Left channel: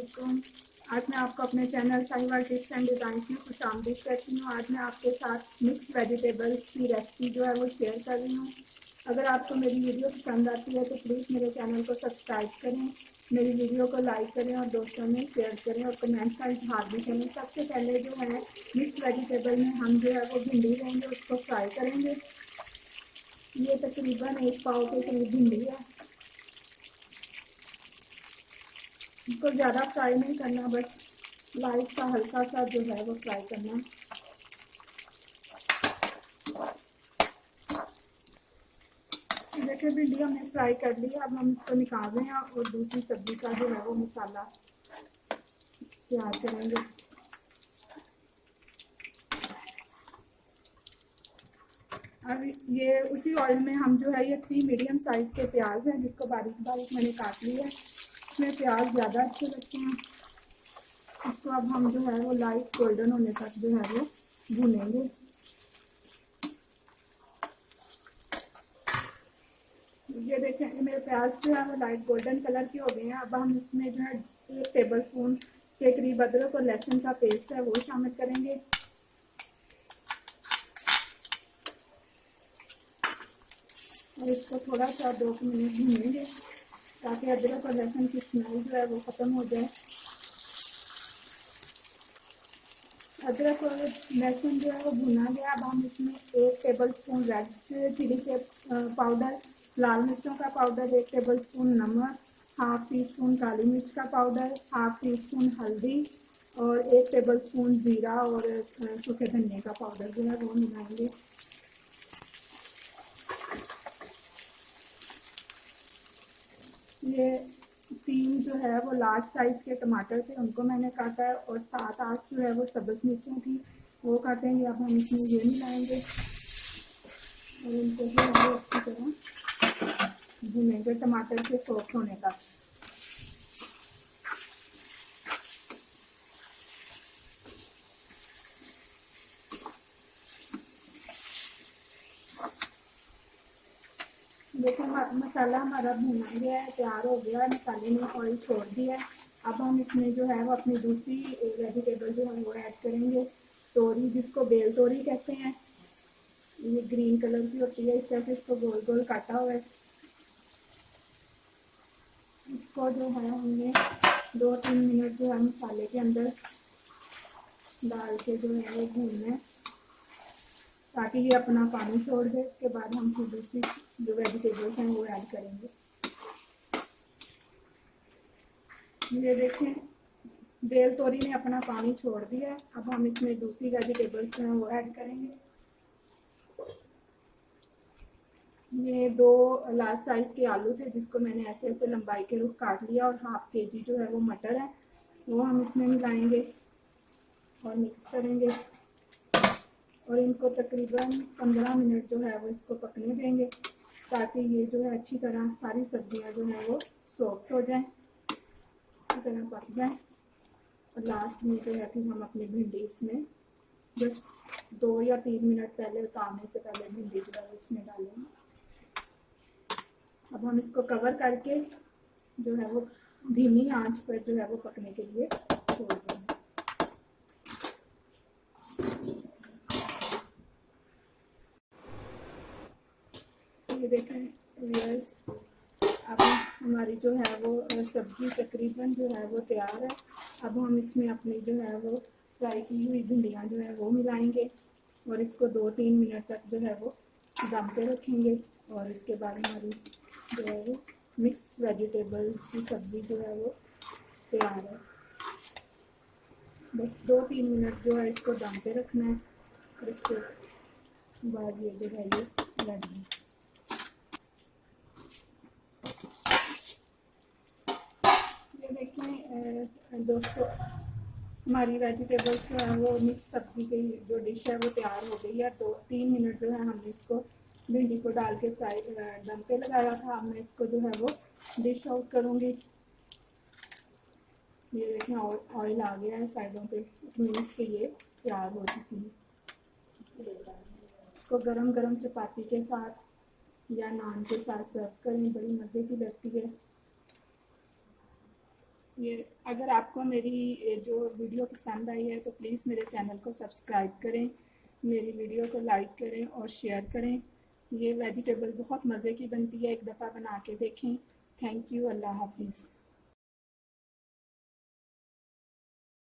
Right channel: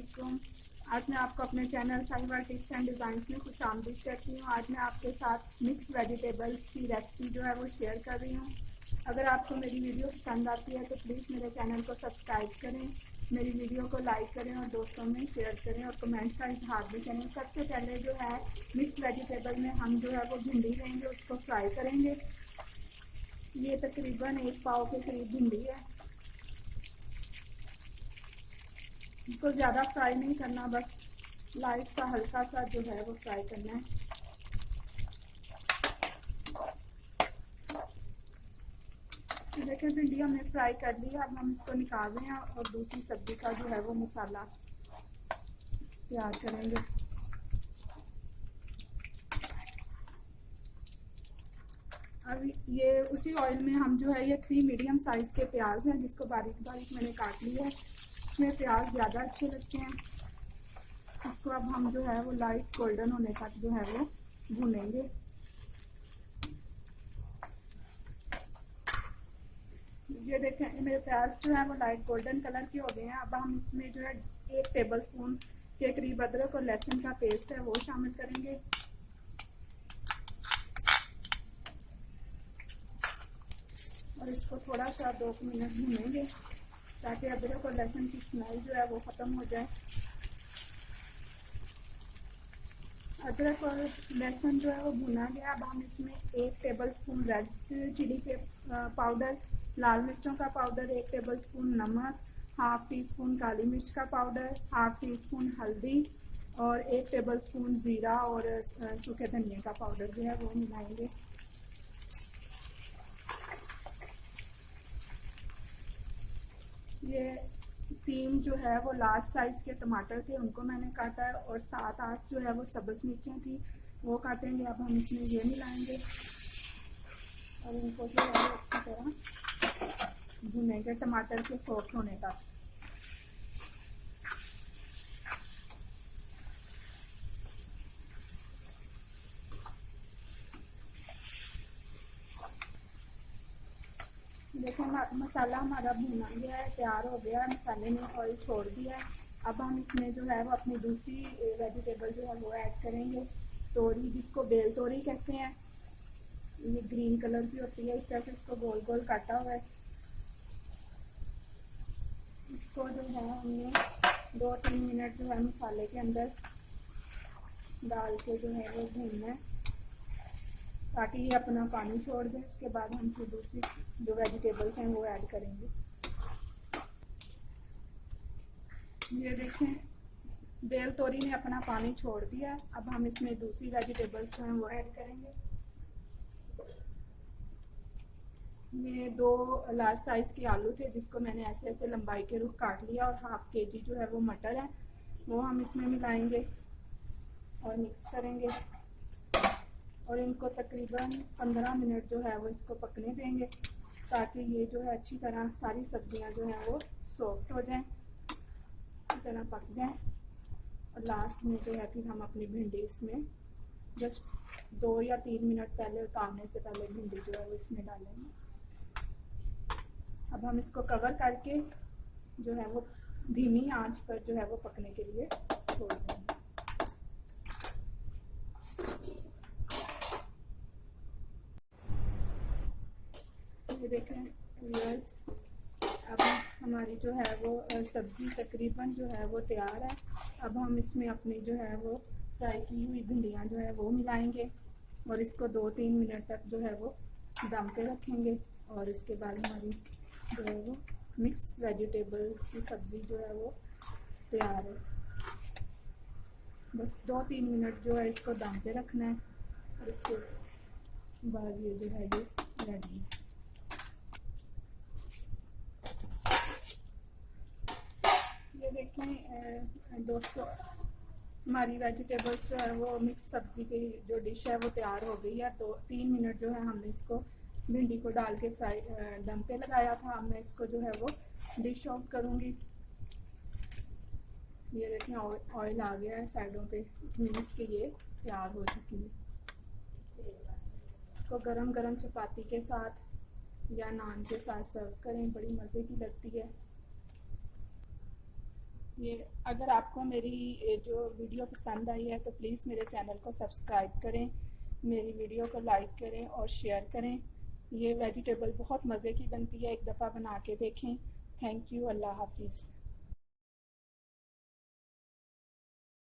अस्सलामुअलैकुम। आज मैं आपको अपने चैनल साहिबा टिप्स एंड डिज़ाइंस में खुश आमदीद कहती हूँ। आज मैं आपके साथ मिक्स वेजिटेबल्स की रेसिपी जो है वो शेयर कर रही हूँ। अगर आपको मेरी वीडियो पसंद आती है तो प्लीज़ मेरे चैनल को सब्सक्राइब करें, मेरी वीडियो को लाइक करें और दोस्तों में शेयर करें और कमेंट का इजहार भी करें। सबसे पहले जो है मिक्स वेजिटेबल में हम जो है वो भिंडी लेंगे, उसको फ्राई करेंगे। ये तकरीबन 1 पाव के करीब भिंडी है। इसको ज़्यादा फ्राई नहीं करना, बस लाइट सा हल्का सा जो है वो फ्राई करना है। देखिए भिंडी हमने फ्राई कर ली है। अब हम इसको निकाल रहे हैं और दूसरी सब्जी का जो है वो मसाला तैयार करेंगे। अब ये उसी ऑयल में हम जो है ये 3 मीडियम साइज़ के प्याज हैं जिसको बारीक बारीक मैंने काट लिया है। इसमें प्याज ज़्यादा अच्छे लगते हैं। इसको अब हम जो है वो लाइट गोल्डन होने तक जो है वो भूनेंगे। ये देखें मेरे प्याज जो है वो लाइट गोल्डन कलर की हो गए हैं। अब हम इसमें जो है 1 टेबल स्पून के करीब अदरक और लहसुन का पेस्ट है वो शामिल करेंगे। और इसको थोड़ा सा 2 मिनट भूनेंगे ताकि अदरक और लहसुन की स्मेल जो है वो ख़त्म हो जाए। अदरक और लहसुन जो है वो भुना गया। अब हम इसमें 1 टेबल स्पून रेड चिली के पाउडर, लाल मिर्चों का पाउडर, 1 टेबल स्पून नमक, हाफ टी स्पून काली मिर्च का पाउडर, हाफ टी स्पून हल्दी और 1 टेबल स्पून ज़ीरा और सूखे धनिया का पाउडर जो है वो मिलाएंगे। ये 3 जो है वो लार्ज साइज़ के टमाटर थे, उनको मैंने काटा है और 7-8 जो है वो सब्ज़ मिर्चें थी वो काटेंगे। अब हम इसमें ये मिलाएंगे और इनको जो है वो अच्छी तरह भूनेंगे टमाटर के सॉफ्ट होने तक। देखिए मसाला हमारा भुना गया है, तैयार हो गया है। मसाले ने ऑयल छोड़ दिया है। अब हम इसमें जो है वो अपनी दूसरी वेजिटेबल जो है वो ऐड करेंगे। तोरी, जिसको बेल तोरी कहते हैं, ये ग्रीन कलर की होती है। इस तरह से इसको गोल गोल काटा हुआ है। इसको जो है हमने 2-3 मिनट जो है मसाले के अंदर डाल के जो है वो भूनना है ताकि ये अपना पानी छोड़ दे। उसके बाद हम फिर दूसरी जो वेजिटेबल्स हैं वो ऐड करेंगे। ये देखें बेल तोरी ने अपना पानी छोड़ दिया। अब हम इसमें दूसरी वेजिटेबल्स हैं वो ऐड करेंगे। ये 2 लार्ज साइज़ के आलू थे जिसको मैंने ऐसे ऐसे लंबाई के रुख काट लिया और हाफ केजी जो है वो मटर है वो हम इसमें मिलाएंगे और मिक्स करेंगे और इनको तकरीबन 15 मिनट जो है वो इसको पकने देंगे ताकि ये जो है अच्छी तरह सारी सब्जियां जो हैं वो सॉफ्ट हो जाएं, अच्छी तरह पक जाएं। और लास्ट में जो है फिर हम अपनी भिंडी इसमें जस्ट 2 या 3 मिनट पहले उतारने से पहले भिंडी जो है वो इसमें डालेंगे। अब हम इसको कवर करके जो है वो धीमी आंच पर जो है वो पकने के लिए छोड़ देंगे। ये देखें व्यूअर्स, अब हमारी जो है वो सब्ज़ी तकरीबन जो है वो तैयार है। अब हम इसमें अपनी जो है वो फ्राई की हुई भिंडियाँ जो है वो मिलाएंगे और इसको 2-3 मिनट तक जो है वो दम पे रखेंगे। और इसके बाद हमारी जो है वो मिक्स वेजिटेबल्स की सब्ज़ी जो है वो तैयार है। बस 2-3 मिनट जो है इसको दम पे रखना है और इसके बाद ये जो है ये रेडी है। देखें दोस्तों, हमारी वेजिटेबल्स जो है वो मिक्स सब्ज़ी की जो डिश है वो तैयार हो गई है। 2-3 मिनट जो है हमने इसको भिंडी को डाल के फ्राई दम पे लगाया था। अब मैं इसको जो है वो डिश आउट करूँगी। ये देखें ऑयल आ गया है साइडों पे, मीन्स के ये तैयार हो चुकी है। इसको गरम गरम चपाती के साथ या नान के साथ सर्व करें, बड़ी मज़े की लगती है। ये अगर आपको मेरी जो वीडियो पसंद आई है तो प्लीज़ मेरे चैनल को सब्सक्राइब करें, मेरी वीडियो को लाइक करें और शेयर करें। ये वेजिटेबल बहुत मज़े की बनती है, एक दफ़ा बना के देखें। Thank you. अल्लाह हाफिज़।